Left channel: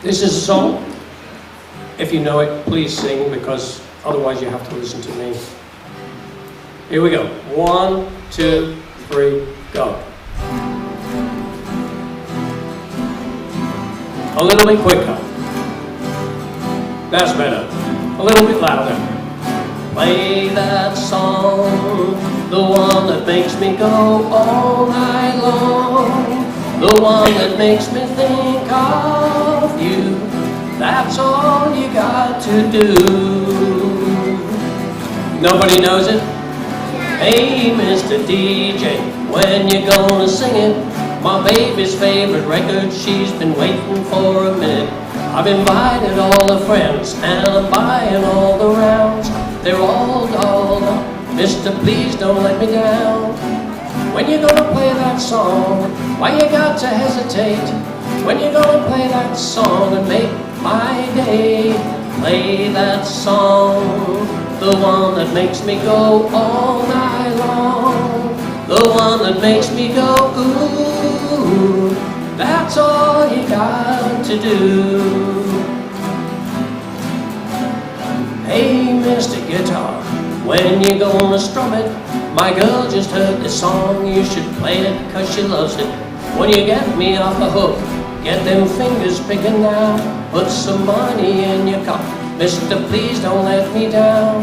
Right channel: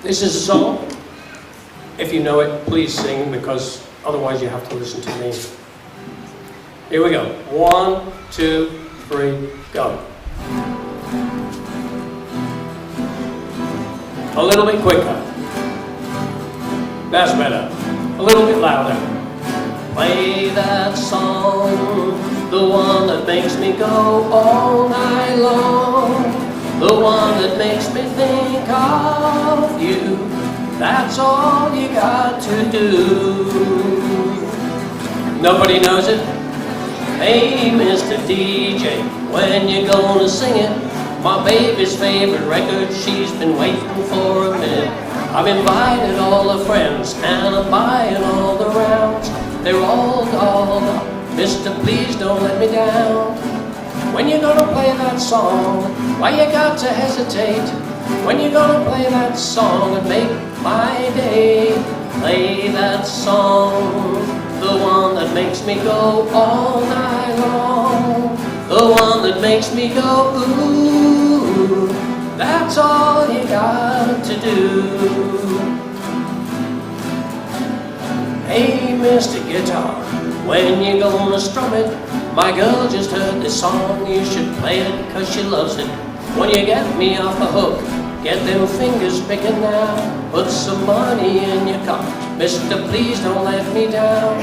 This is a song. If you know it, please sing, because otherwise you have to listen to me. Here we go. 1, 2, 3, go. A little bit quicker. That's better. A little bit louder. Play that song, the one that makes me go all night long. The one that makes me think of you. That's all you got to do. Nobody knows it? Hey, Mr. DJ, when you gonna sing it? My baby's favorite record, she's been waiting for a minute. I've invited all her friends, and I'm buying all the rounds. They're all dolled up. Mister, please don't let me down. When you gonna play that song? Why you got to hesitate? When you gonna play that song and make my day? Play that song, the one that makes me go all night long. The one that makes me go ooh. That's all you got to do. Hey, Mr. Guitar, when you gonna strum it? My girl just heard this song, you should play it 'cause she loves it. When you get me off the hook, get them fingers picking now. Put some money in your cup, Mister, please don't let me down.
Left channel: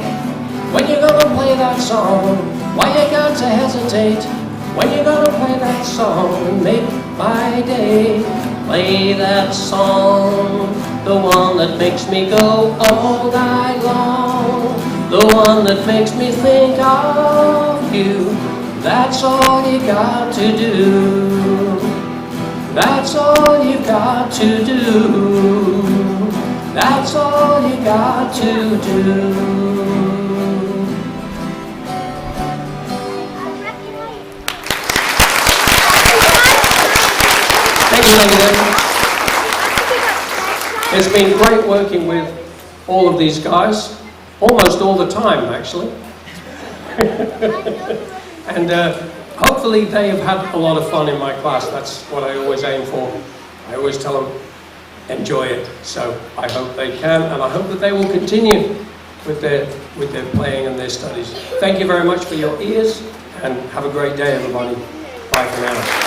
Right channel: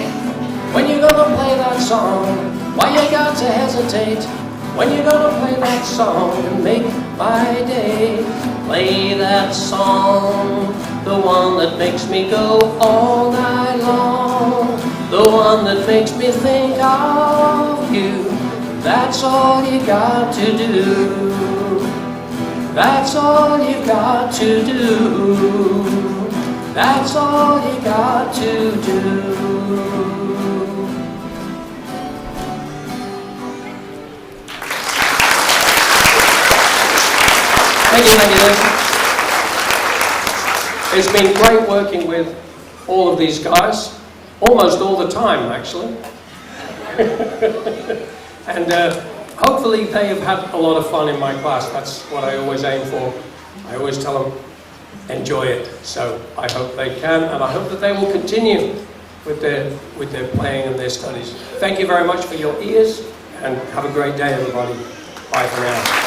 When you gonna play that song? Why you got to hesitate? When you gonna play that song and make my day? Play that song, the one that makes me go all night long. The one that makes me think of you. That's all you got to do. That's all you got to do. That's all you got to do. Thank you. It's been great working with all of these guys, almost all the time actually. And hopefully they have had a lot of fun in my class. That's what I always aim for. I always tell them, enjoy it. So I hope they can, and I hope that they will continue with their playing and their studies. Thank you very much for your ears, and have a great day, everybody. Bye for now.